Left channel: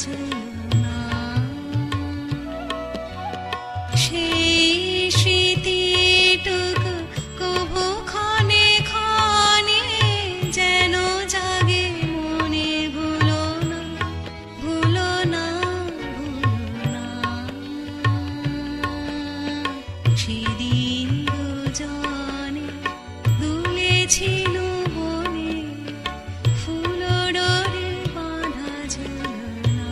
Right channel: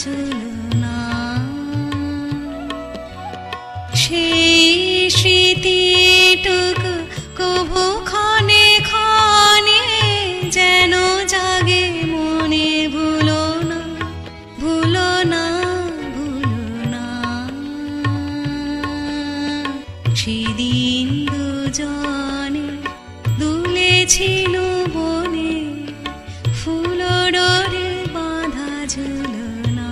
ঝুলনা সেই স্মৃতিটুকু কভু ক্ষণে ক্ষণে যেন জাগে মনে ভুলো না ভুলো না ভুলো না সেদিন দুজনে দুলেছিল বনে ফুল ডোরে বাঁধা ঝুলনা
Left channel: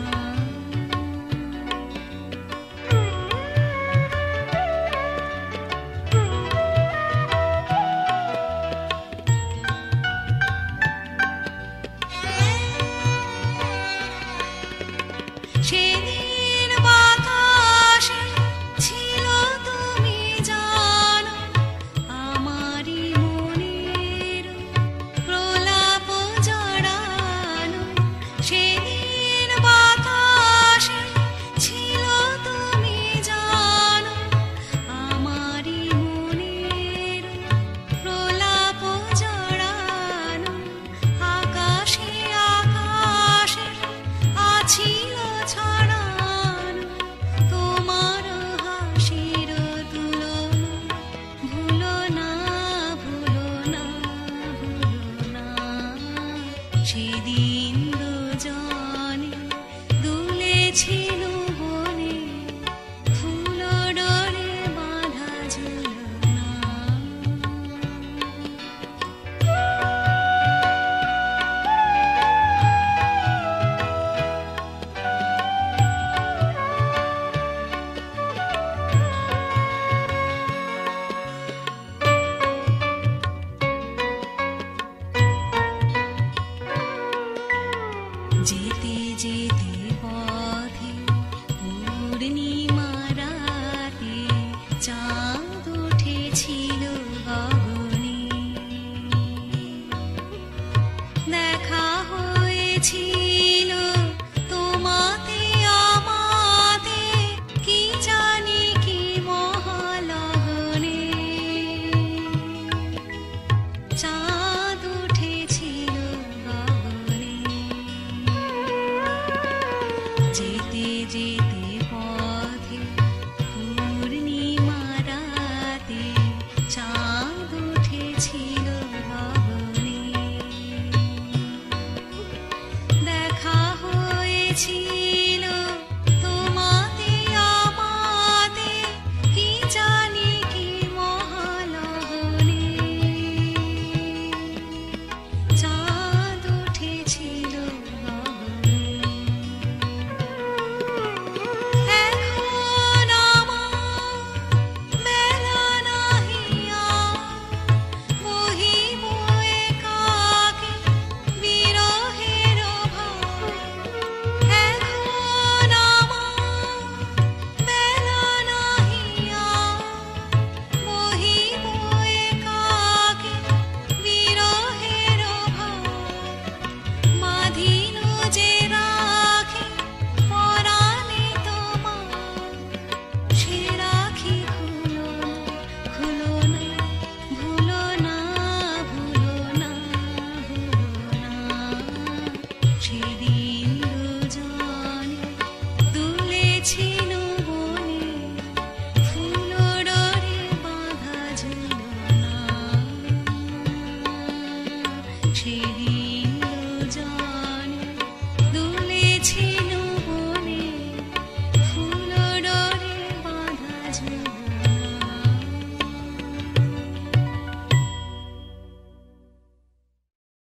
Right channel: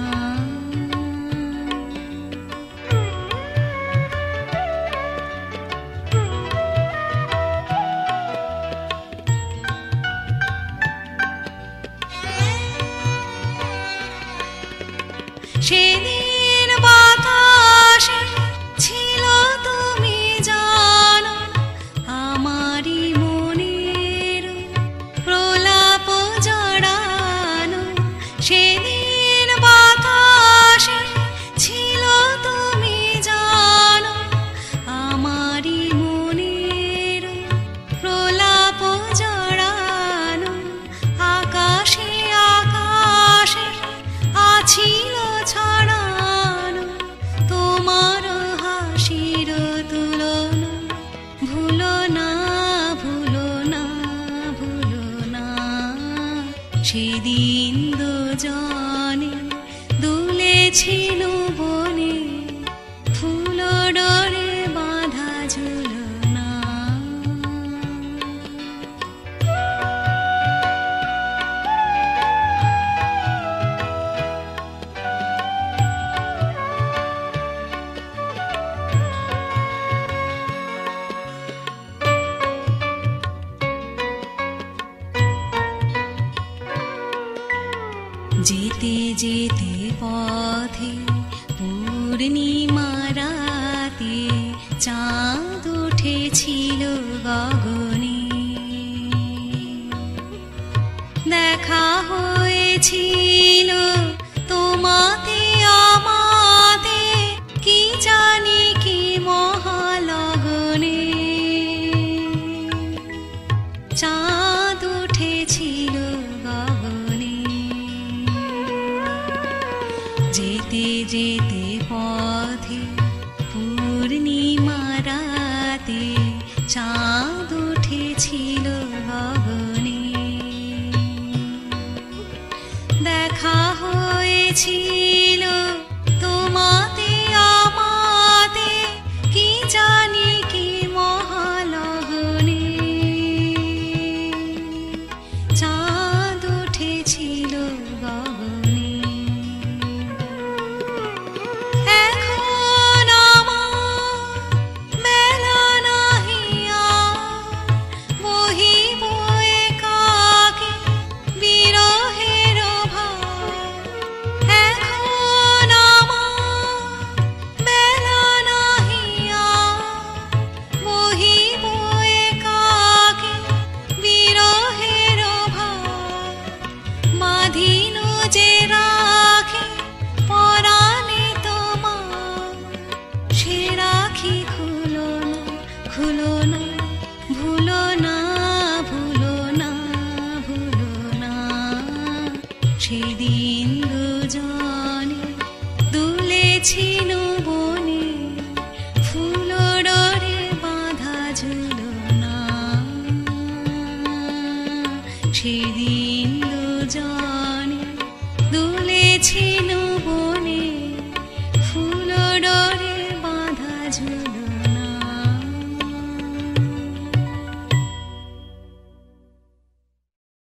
সেদিন বাতাসে ছিল তুমি জানো আমারই মনের প্রলাপ জড়ানো সেদিন বাতাসে ছিল তুমি জানো আমারই মনের প্রলাপ জড়ানো আকাশে আকাশে আছিল ছড়ানো তোমার হাসির তুলনা ভুলো না ভুলো না ভুলো না সেদিন দুজনে দুলেছিল বনে ফুল ডোরে বাঁধা ঝুলনা যেতে যেতে পথে পূর্ণিমা রাতে চাঁদ উঠেছিল গগনে দেখা হয়েছিল তোমাতে আমাতে কি জানি কি মহালগনে চাঁদ উঠেছিল গগনে যেতে যেতে পথে পূর্ণিমা রাতে চাঁদ উঠেছিল গগনে দেখা হয়েছিল তোমাতে আমাতে কি জানি কি মহালগনে চাঁদ উঠেছিল গগনে এখন আমার মেলা নাহি আর বহিব একাকী বিরহের ভার এখন আমার মেলা নাহি আর বহিব একাকী বিরহের ভার বাঁধিল যে রাখি পরাণে তোমার সে রাখি খুলো না ভুলো না ভুলো না ভুলো না সেদিন